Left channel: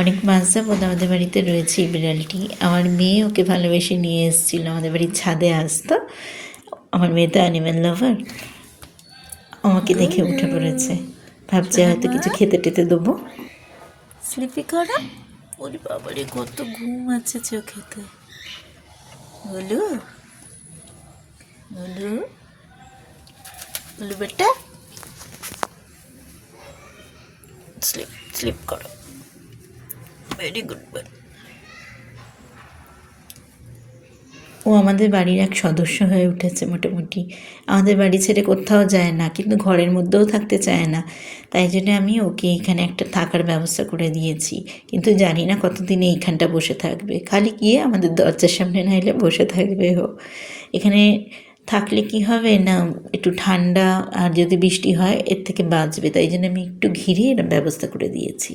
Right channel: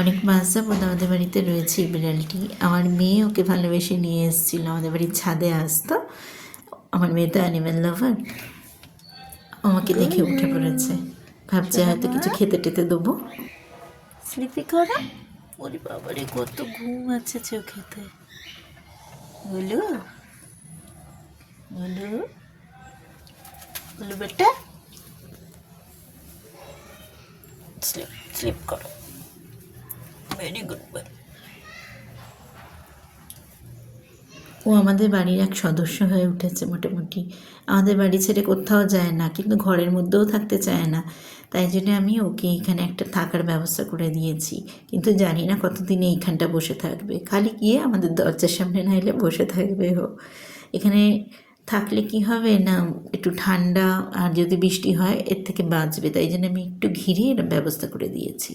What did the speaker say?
অনেক মাস যাবৎ আমাদের বাড়িতে রয়েছে এই বিড়ালটি। আমার মেয়ে ওকে ভালোবেসে নিয়ে এসেছিল, আমাদের বাড়ির ছাদে আসতো। আমার মেয়ে তো অ্যানিম্যাল লাভার, আমাকে দেখে উঠে পড়েছে, ভাবছে হয়তো কিছু খেতে টেতে দেবো। স্লিপি করা, ওরে বাবারে কত ঘুম আছে চোখেতে। বলু বলু বলু বেটা, স্লিপ স্লিপ করো, ভেরি গুড বয়। ও আমাদের বাড়ির এক সদস্য হয়ে উঠেছে মোটামুটি। আমাদের বাড়ি ছেড়ে কোথাও যায় না, কিন্তু ঘরের মধ্যেও থাকতে চায় না। তাই জন্য আমি ওকে এখানে একটা থাকার ব্যবস্থা করে দিয়েছি, কিন্তু জানি না কতদিন এইখানটা বসে থাকবে। খালি গিয়ে আমাদের দরজার সামনে না এলে বসে থাকবে ও। এখানে থাকলে কি হবে না, একটু ঠান্ডা আর যদি বৃষ্টি হয় এর থেকে বাঁচবে। তাই জন্য আমি একটু ঘিরে ব্যবস্থা করে দিয়েছি।